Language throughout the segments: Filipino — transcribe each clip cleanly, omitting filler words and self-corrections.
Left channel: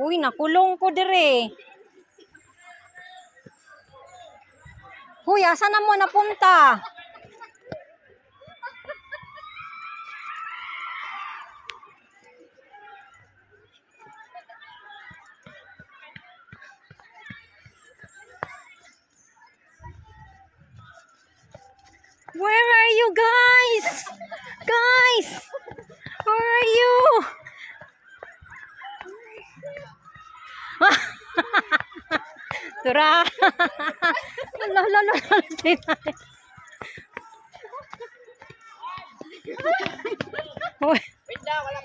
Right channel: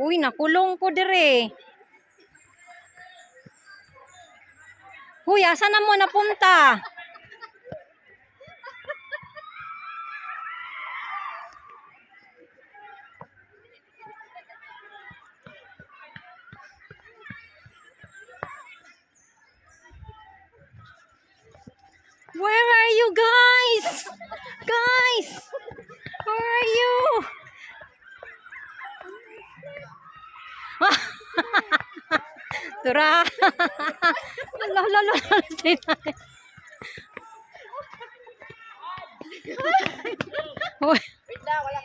Uy, nakulong ko dire. Huy, asa na mo napunta? Where are you guys? Guys! Where are you? Tura! Lolo.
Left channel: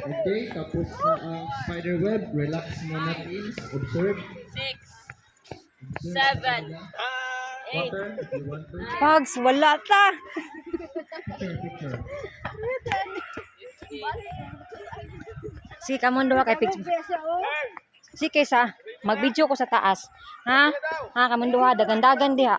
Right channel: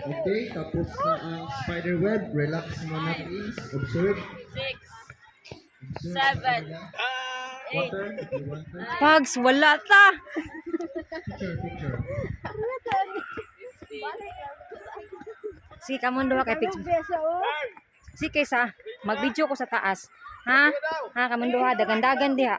Okay, tapos na ang spider web. Relax mo natin. Observe. 6, 7, Water, if you want to. Pags, wala ta. Picture. Si kamon duha kay picture. Si kaysa mag-video ko sa taas. Ha? Ha kamon duha dagan-dagan diha.